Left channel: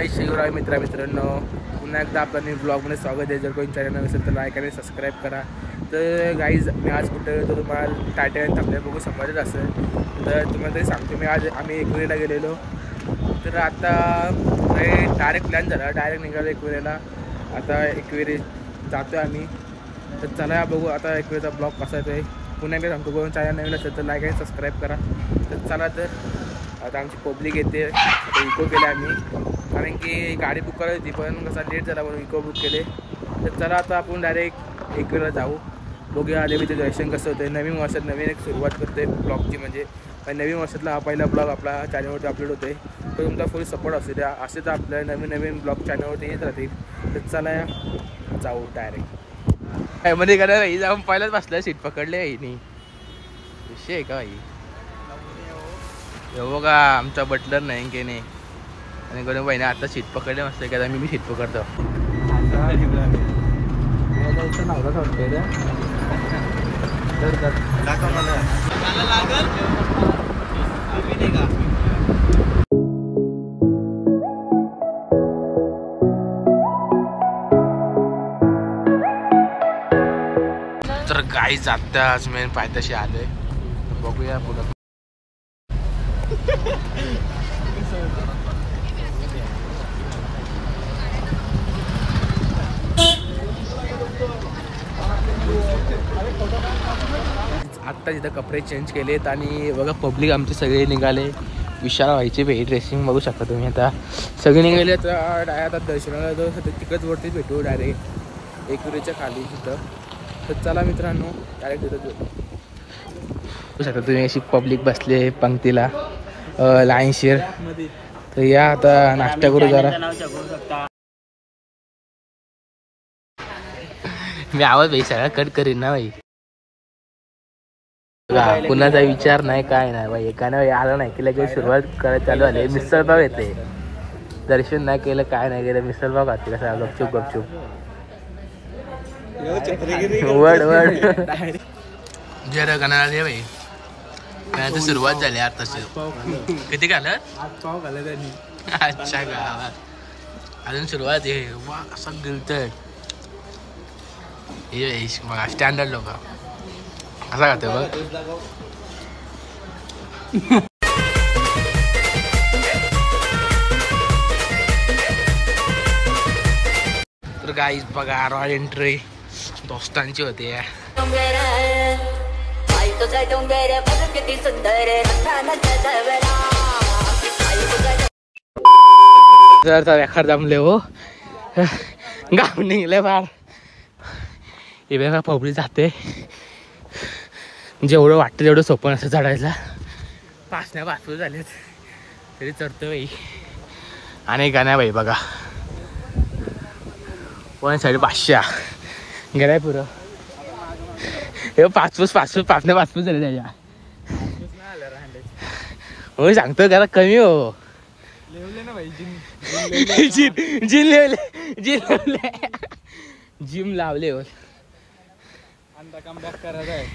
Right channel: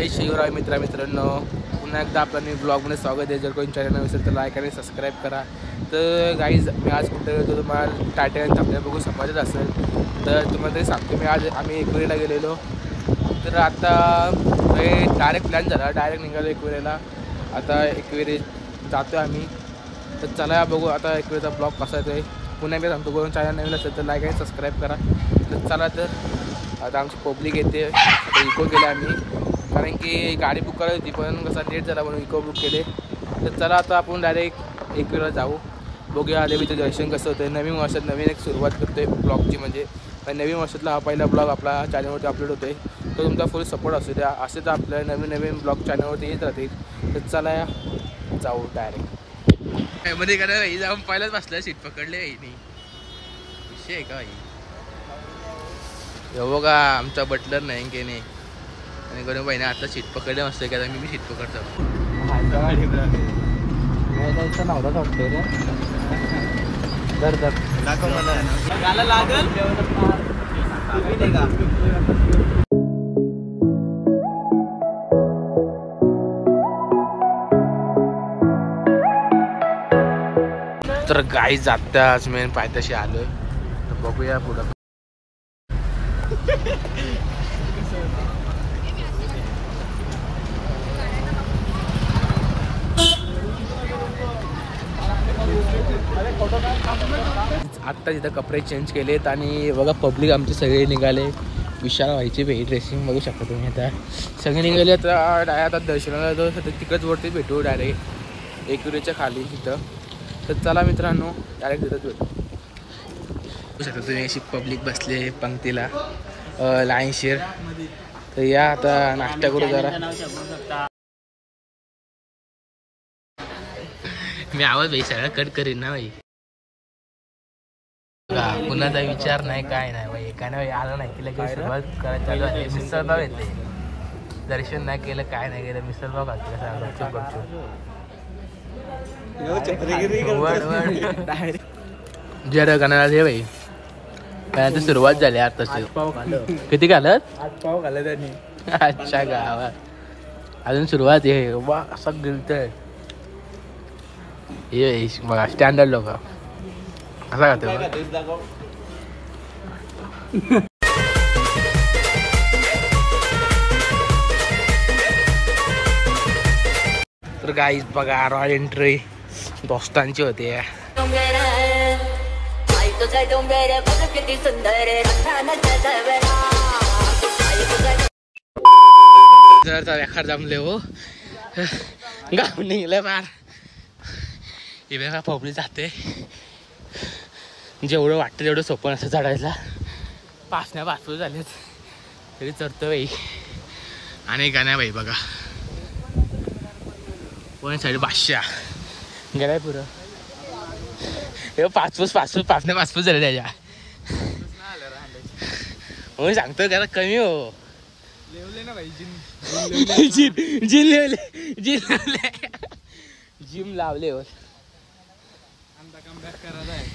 जय शिवराय मित्रांनो, पुन्हा एकदा आपल्या न्यू ब्लॉगमध्ये स्वागत आहे. जर कोणी चॅनल नसेल तर लाईक आणि सबस्क्राईब करा. तर गाईज मी आज कुठे गेलो तुम्हाला टायटल थांबल्या बघू समजत असेल. तर तुम्हाला तरी सांगतो, मी आज आम्ही एकविरेला गेलेलो. तर आता डायरेक्ट प्लॅन झाला, डायरेक्ट निघालो एकविरेला. आता एकविरे जातो आम्ही. तर चला बघू आता एकविरेचा ब्लॉग कसा येतो. पुन्हा एकदा सांगतो, कोण चॅनल नवीन असेल तर लाईक आणि सबस्क्राईब करा. तर चला, तर आता आमची पब्लिक येते. आता इको केले आम्ही, कारण की गाडी बुक करायची होती पण कसा लेट झाला म्हणून इको बुक केले. तर चला आता आपण डायरेक्ट एकविरेला जाऊ. बघूया देवीचं दर्शन कसं होतं. नवीन वर्षात नवीन एक सुरुवात करतो आहे ब्लॉगची. म्हणजे नवीन वर्षातला हा पहिला ब्लॉग आपला चॅनलवरती अपलोड होतो आहे. तर तुमचा फुल सपोर्ट असू द्या. असेच आपल्या नवीन नवीन ब्लॉग चॅनलवरती येत राहतील. तर चला जाऊ डायरेक्ट मध्ये का नाही जाऊन पहिलाच बसलं. सीट पकडले नाही विषय आहे का भाई. हो बघा आमचा बटलर नाही की नाही, आणि गणू बाईने आता सीट पकडले मस्त की. आता मी सीट पकडतो. नवराच वाटतोय रे. तर गाई जाताच मेन पायथ्याशी आलोय. तर बघूया पुढं. आत्ता तिथं कपडे चेंज केलेत आणि बघा पब्लिक आमचे सगळे निघाले. विशाल व्हायची भाई ड्रेसिंग बघू शकता तुम्ही. आता सगळे निघाले. तर आता दर्शनाला जो तिकडच वरती भेटू डायरेक्ट एकविरेच्या खाली तिथं. तर चला मित्रांनो डायरेक्ट तिथंच भेटू. बघू शकता तुम्ही अशी पब्लिक बसले पंक्तीला लाईनशीर. तर या आता नाश्ता करू जरा. मी आवाज भाई सगळा कट करीन ना भाई. कुणाचा विचार नाही काय नाही भाई. एकाने आलं नाही की लगेच सुरुवात करायला चालू झाली. मिसळपाव येते. दर्शन नाही केलं काय नाही केलं मिसळपाव खाते कसा गपचूप गपचूप. वड वड जरा गाणं दे भाई. काय तर सुरुवात झाली आता. किती घालत पाव घालत त्यांनी. अच्छा गावात अजून सुरुवात आहे. वा असं गिलतय हे बघा स्टँडर्ड लोक असा खाते बघ. तर गाईज बघा रॉयल एंट्री दोस्तांची होते. जर जमले हो गाव निघले फार. इकडे पब्लिक जाते. जेवढं वाटतं तेवढं सोपं नसतं चढायला. पाचण्या पाचपूर झालेत तरी चढतो बाई. आणि गाण्या बाई बघा वन साईड 500 गेलाय पुरं. हे पाचपूस पाचण्या पाचपूस झाले त्याच्या. हो सांगतो जरा कमी हो. लेवले ना भाई जिम लावले हो.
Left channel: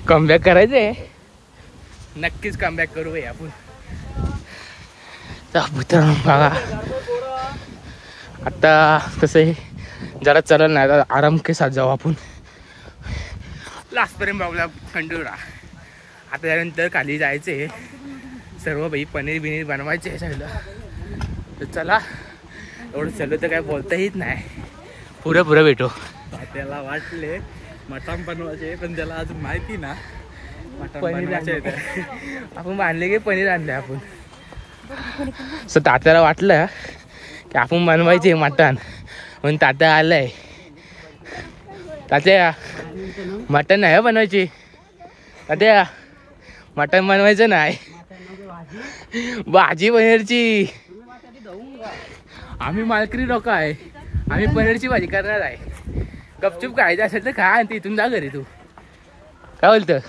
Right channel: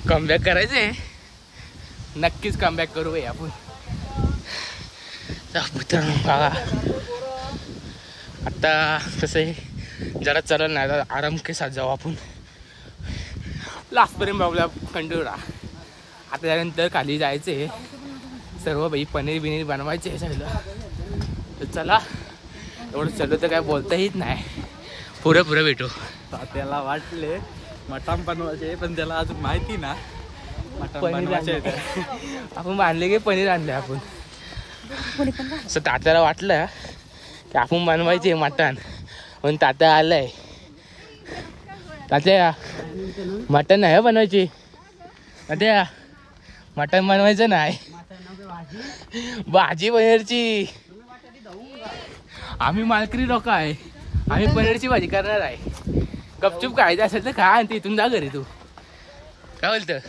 कमबॅक करायचंय. नक्कीच कमबॅक करू भाई आपण. बघा आता कसं जरा चढल नाही तर आराम के साथ जाऊ आपण. लास्टपर्यंत बघूया खंडोळा. आता त्यानंतर खाली जायचे सर्व भाई. पनीर बिनीर बनवायचे आहे साईडला. तर चला एवढं चलो तर काय बोलता येत नाही. पुरं भेटू. त्याला वाटले मटण बनवायचे पण त्याला अजून माहिती ना मटण बनवायचे. आपण बांधले की पनीर आणले आपण. असं तात्याला वाटलं की आपण बनवायचे मटण म्हणून तात्या आलंय. तात्या मटण नाही बनवायचे. तात्या मटण बनवायचं नाही भाजी पनीरची. आम्ही मालकरी लोक आहे. आम्ही पनीरची भाजी करणार आहे. गपचूप खायचं असेल तर खा आणि तिथून जा घरी. तू काय बोलतं.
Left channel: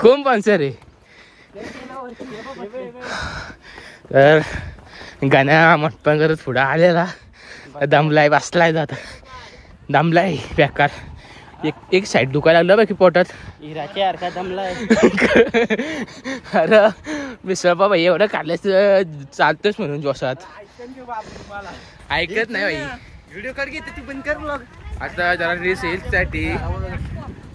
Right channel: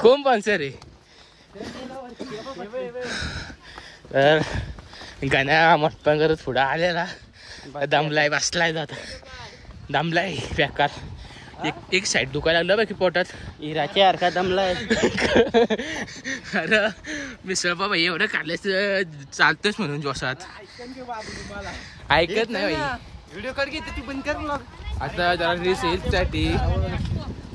कोण स्पॉन्सर आहे. तर गाण्या मटपण करत पुढं आलेला. दमलाय बसलाय जात दमलाय बेकार. एक साईड दुखायला लागलं बाकी पोटात. इराच्या सारखा दमलाय. अरे मिसळ बाबा एवढं खाल्ल्यास चालतोच म्हणून जोशात. ऐकत नाही भाई. व्हिडिओ काढ घेते तू बंद कर ब्लॉग. आता जरा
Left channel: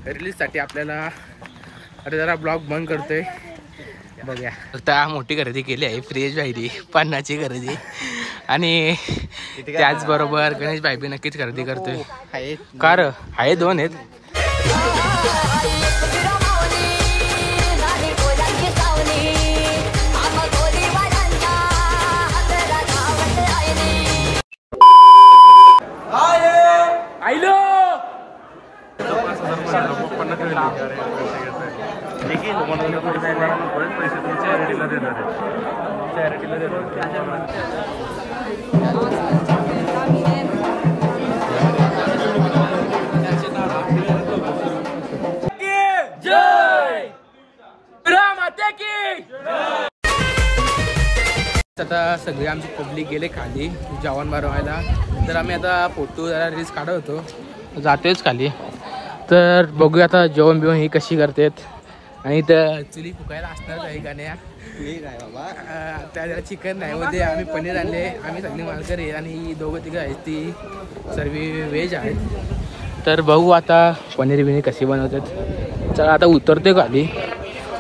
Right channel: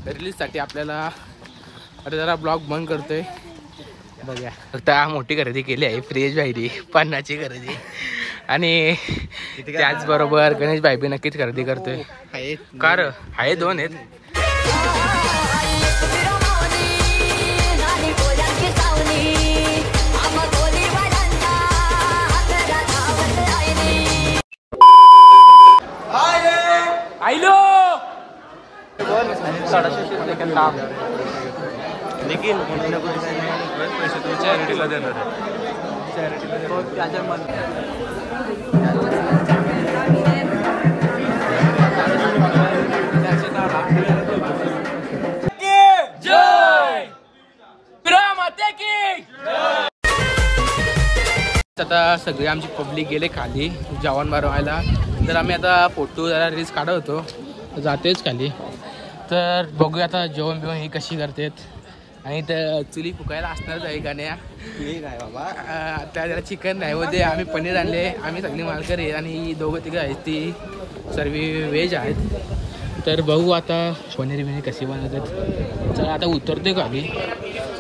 रिलीजसाठी आपल्याला आता जरा ब्लॉग बंद करतोय. बघूया आता मोठी खरेदी केली आहे. फ्रीज बाहेरी पानाची खरेदी आणि त्याचबरोबर गणेश भाई बी नक्कीच खरेदी करतोय. कार आहे 2 आहेत. आईलो पैसे तुमच्या आयडीला देणार आता सगळे आमची पब्लिक गेले खाली जेवण बनवायला. तर आम्ही आता फोटो जरा रील्स काढत होतो. जातोच खाली. तर बघूया आता जेवण बिवण ही कशी करतात. आणि इथं चुली फुकायला असणारच आहे गाण्या. काय बाबा त्या जरा चिकन नाही होते. आम्ही पनीर आणले. आम्ही सगळी मालकर आहे आणि 2-3 आहेत ती सर्व व्हेज आहेत. तर बघू आता पनीर बिनीर कशी बनवतात. चला आता उतरते खाली.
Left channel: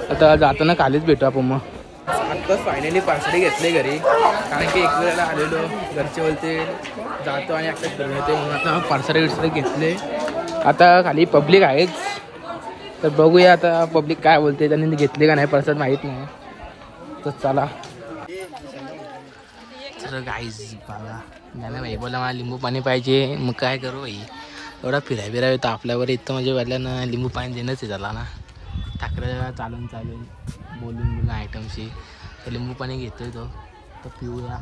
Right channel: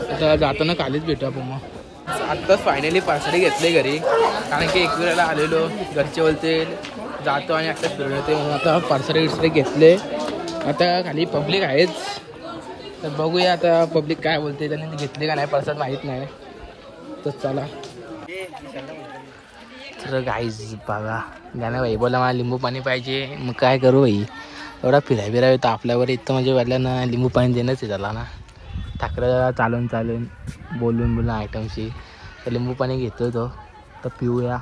आता जाताना खालीच भेटू आपण. मग आत्ताच फायनली पार्सली घेतले घरी. कारण की एक वेळेला आलेलो घरचे बोलते जातो आणि आत्ताच फिरून येते म्हणून आता पार्सली घेतले. आता खाली पब्लिक आहेच. तर बघूया आता पब्लिक काय बोलते. त्यांनी घेतले का नाही पण माहीत नाही. तर चला. तर गाईज बघा ज्ञाना भाई बोला मला लिंबू पाणी पाहिजे. मग काय करू भाई एवढा फिराय येतो आपल्यावर. इथं म्हणजे वाटल्यानं लिंबू पाणी देणंच आहे त्याला ना. ठाकरे चालून बोलून आयटमशी. तर लिंबू पाणी घेतोय तो. तर पिऊया.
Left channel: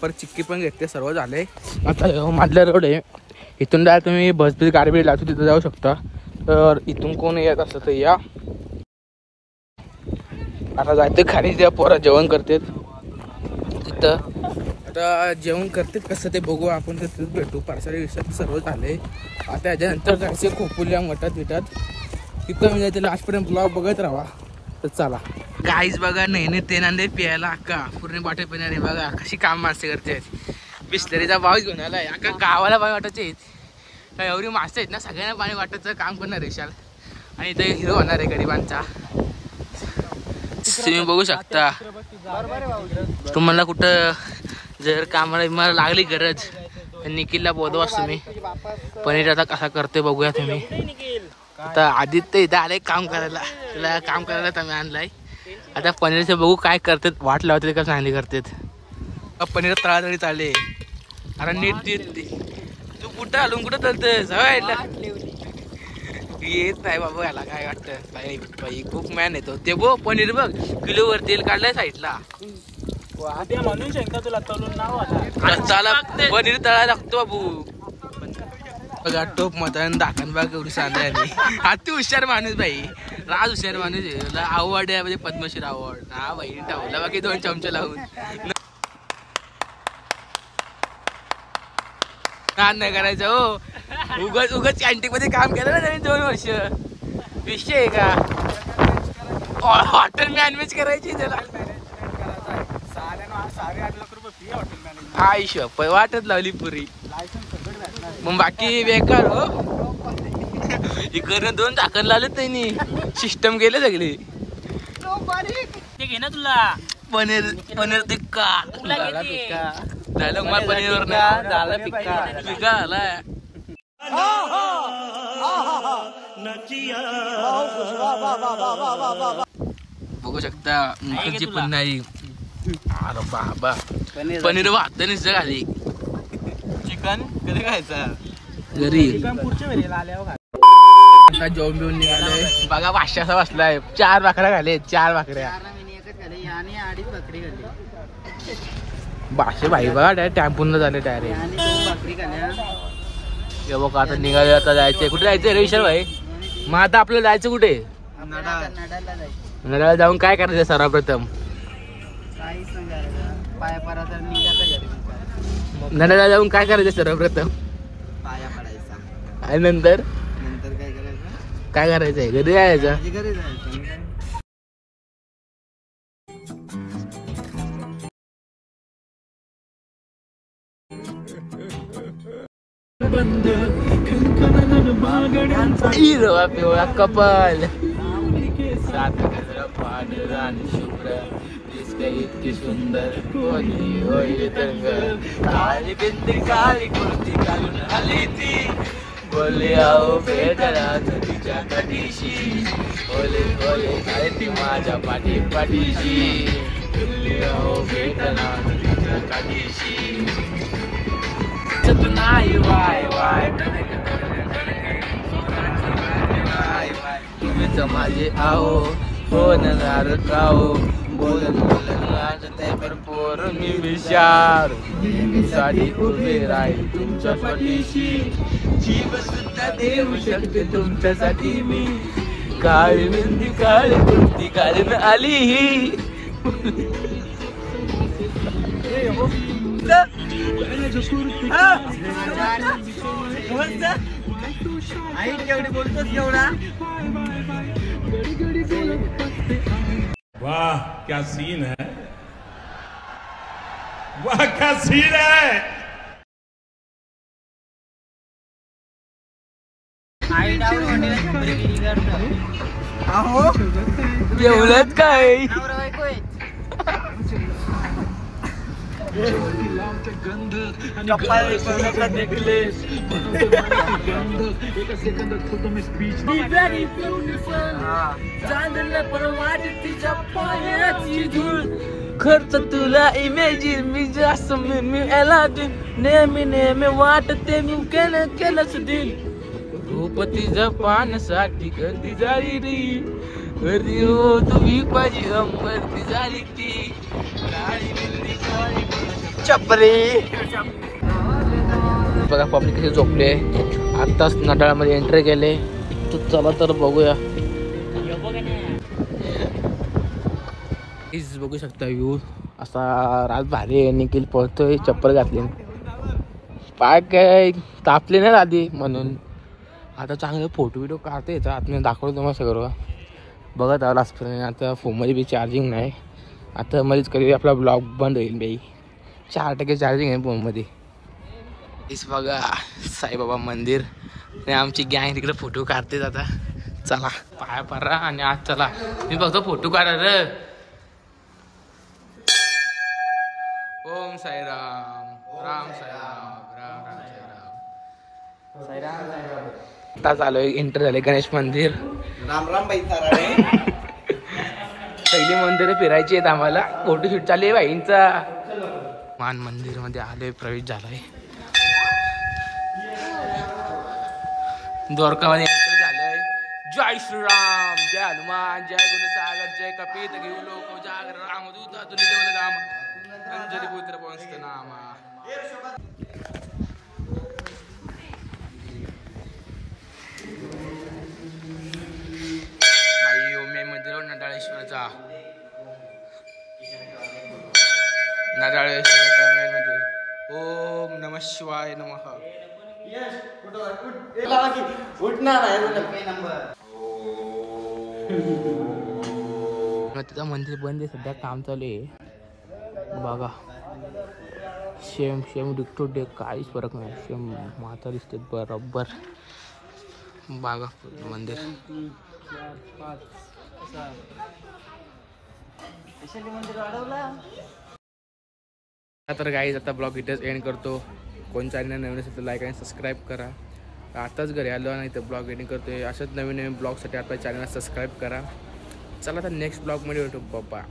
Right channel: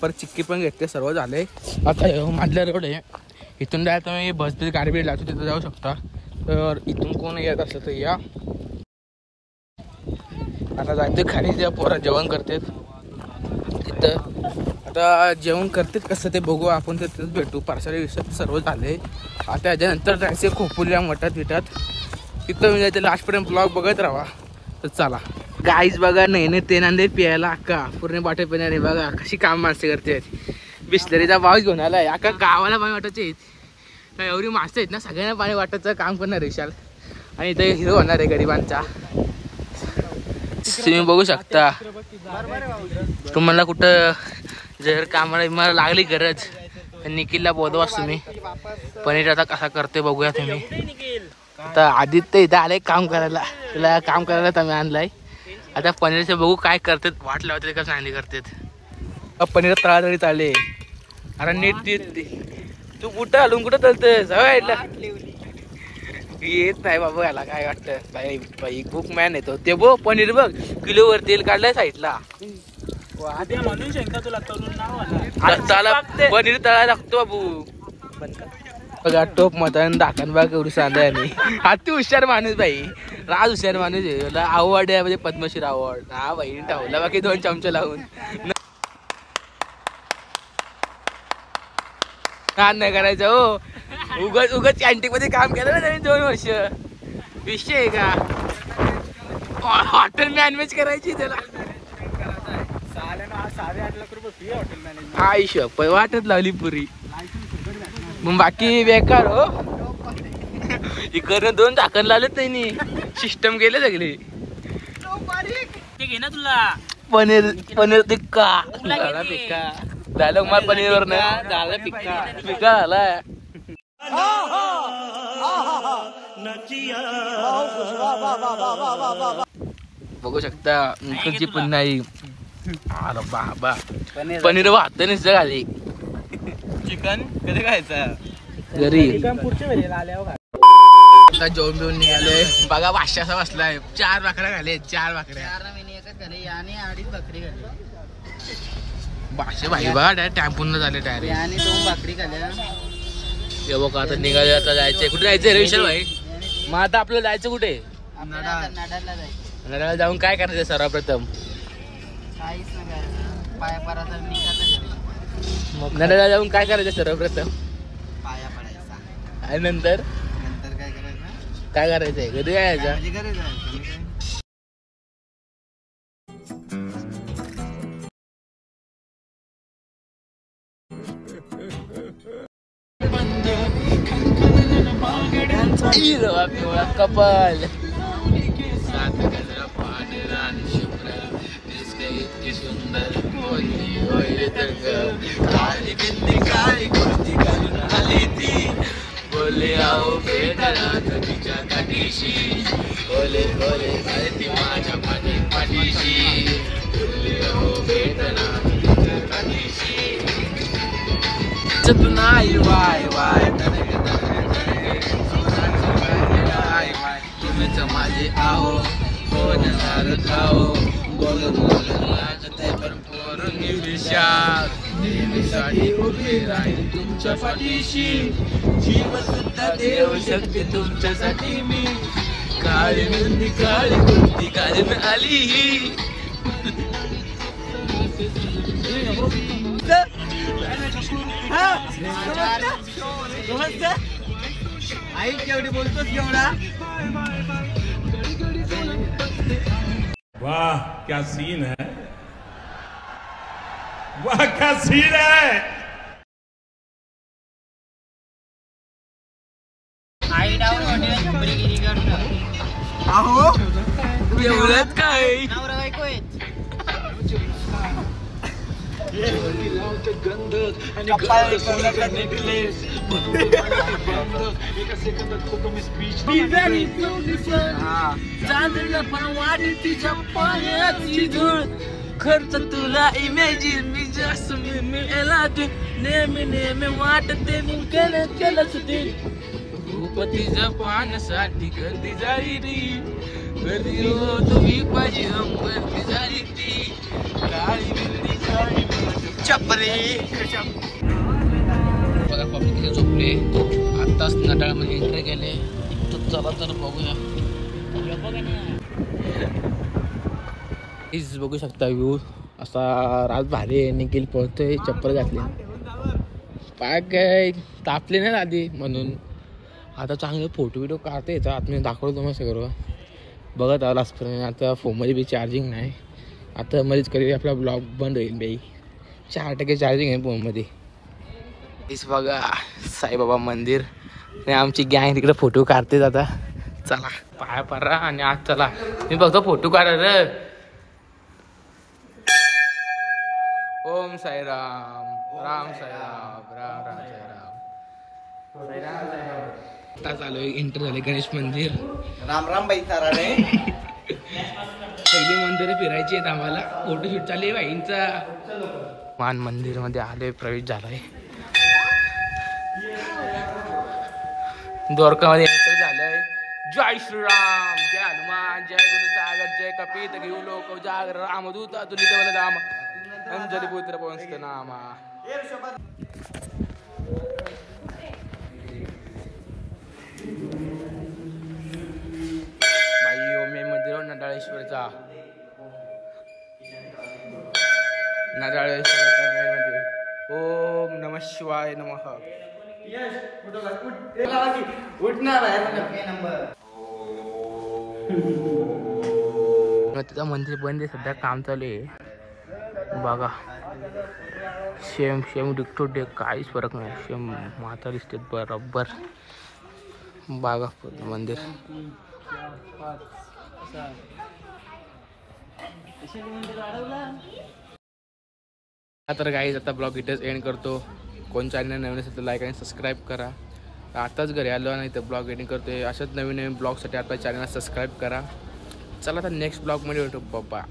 परत चिक्की पण घेतले. सर्व झाले. आता माधल्या रोड आहे. इथून जा तुम्ही बसबीस गाडी लागतो तिथं जाऊ शकता. तर इथून कोण येत असतं तर या. आता जायचं खाली द्या. पोरा जेवण करतात तिथं. आता जेवण करतात कसं ते बघू आपण. तर तिथंच भेटू. पार्सली विषयात सर्व झाले. आता त्याच्यानंतर जायचे खोपोलीला मठात तिथं मी जायचं. लास्टपर्यंत ब्लॉग बघत राहा. तर चला गाईज बघा नाही ते नांदे प्यायला अक्का पूर्ण बाटे पिणारे. बघा कशी काम माणसे करते. बिस्लरीचा भाव घेऊन आलाय. अक्का गावाला पाणी वाटायचे काय एवढी माणसं आहेत ना. सगळ्यांना पाणी वाटायचं काम करणार विशाल. आणि इथं हिरो होणार आहे गरिबांचा. तुम्ही बघू शकता. तुम्हाला कुठं जर कामाला लागली गरज तर निखिलला बोलवाच तुम्ही. पनीर आता कसा करते बघूया तुम्ही. आता आदित्य इथं आलंय काम करायला. त्याला काम करायला आम्ही आणलाय. आता पनीरचं बघू काय करतात. वाट लावतात का चांगली करतात. पनीर तळातळी चालले. अरे नीट तू कुठं हलून कुठं चालतंस. येत नाही बाबा याला काय वाटतं. बाई खूप मॅन येतो ते. बघ पनीर बघ किलोवर तेल काढलंय साईडला. तुला पनीर तळायला लागतो बाबू. बघा टोप मतान दाखन बाग एवढी सांगताय. आणि अति हुशार माणूस भाई. राज हुशार माणूस आहे. आवड आहे म्हणजे पद्मश्री आवड. हा भाई टावला बाकी 2 चमचे लावून काम नाही करायचं हो. उगच कॅन्टीन मध्ये काम केलं ना त्यांनी 2 वर्ष. विषय आहे का. हॉटेल मॅनेज करायची त्याला. 8 लाख रुपये फी हॉटेल मॅनेजमेंट. आयुष्य वाटत लावली पुरी. मग बाकी बेकार हो. इकडनं 2 झाकण लावले त्यांनी. सिस्टम गेले सगळे. घे ना तुला पनीर टिक्का डायलॉग मला पनीर वर झालं पिक्का झालाय. बघू शकता इकडची पण नाही. अरे बाबा पनीर वाहत नुसतं खाली. चिकन कधी खायचं घरी. पुढच्या वेळेला आल्यावर आता जेवण बिवून निघालोय. बघा 500 असा बसलाय. 4 भाकऱ्या खाले. 4 भाकऱ्या. 2.5 भाकरी खाल्ली. 500 भाई बघा डायरेक्ट टॅम्पून झाले डायरेक्ट. आणि 2 भाकरी खाल्ल्या. हे बघा आता निघाले. आता जायचंय. कुठे जायचंय रे विशाल भाई. मग आता आपल्याला जायचं कुठे. आपल्याला आता नडालला जायचं. नडाला जाऊन काय करायचं सर्वप्रथम. काहीच नाही करायचं. पाया पडा तर निघायचं घरी. नडाला जाऊन काय करायचं सर्वप्रथम. पाया पडायचा आणि नंतर काय करायचंय घरी यायचं. कपाल सात गजरा पांढरा आणि शुभ्र दिसते इतकी सुंदर होती होईल तरंग काळी बिंदी काळी कुर्ती घालून आली ती बोले आओ भेटला तुझ्या काठीशी ओले ओले अरे ती माझ्या पाठी पाठीशी बोले आओ भेटला तुझ्या काठीशी नाही वाय वाय तुम्हीच माझे आहो हो नजार खाओ बोलून बोलून लागते भरपूर मी विचार नेहमीसाठी उभे राहील तुमच्या पाठीशी जीव सुद्धा देऊ शकते तुमच्यासाठी मी काळी मेहंदी काळी कुर्ती घालून आली ही आई केवढी बोलतोस केवढा. वाह क्या सीन है, वाह क्या सीन है. आई डाऊन अहो एवढंच काय खर्च तुला इमेजिन मी जास्त मी नेहमी नेहमी वाटते केलं केलं खूप तिचं पाण्यासाठी गर्दी झाली री गर्दी हो तुम्ही पाहिजे गर्दी झाली ती चपरे बघा पब्लिक कसे झोपले आत्ताच नटाळामध्ये एंट्री केले. चला तर बघूया. प्लीज बघू शकता व्ह्यू असा रात भारी आहे. निखिल पळतोय चप्पल घातली पाय काय तापले नाही आधी म्हणून आता चांगले फोटो बिटो काढता येतात आतमध्ये दाखवतो तुम्हाला सगळं बघत आला असतं. आता फोनमध्ये बी चार्जिंग नाही आता मध्येच कधी आपला ब्लॉग बंद होईल बाई 4% चार्जिंग आहे फोनमध्ये. इस बघा साईबाबा मंदिर आणि आमची गँग तिकडे फोटो काढतेच आता. चला पाया पडा आणि आज चला मी फक्त फोटो काढा. ओम साईराम राम साईराम राम राम साईराम. आता चालू आहे एंटर झाले गणेश मंदिर. राम राम बाई सारा पहिली मंदिर फिरायची आहेत आम्हाला फोटोशूट चालू आहे बाईंचा. मान मंदिर मध्ये आलोय प्रवेश झालाय. द्वारकामध्ये एंटर झालंय. जय श्रीराम जय हनुमान जय गुरुसागर जय कपित घेऊ लोक जागर रामदूत तुलित बल राम अंजली पुत्र पंस्त नामा. बाई ओमे मंदिर नडाळेश्वरचा नडाळेश्वरचा मेन मंदिर. ओम नमः शिवाय नमः. तिथं मंदिर बंद आहे सध्या काम चालू आहे बघा. सेम सेम डिक्टो डेक काहीच फरक नाही सेम माता दिसते बरोबर बघा पूर्ण मंदिर. तर गाईज आता ब्लॉग इथेच एंड करतो. कोण चॅनल नवीन असेल तर लाईक आणि सबस्क्राईब करा. आताच घरी आलो नाही तर ब्लॉग एडिंग करतोय. अशाच नवीन नवीन ब्लॉगसाठी आपल्या चॅनलला सबस्क्राईब करा. चला तर नेक्स्ट ब्लॉगमध्ये भेटू. बाय.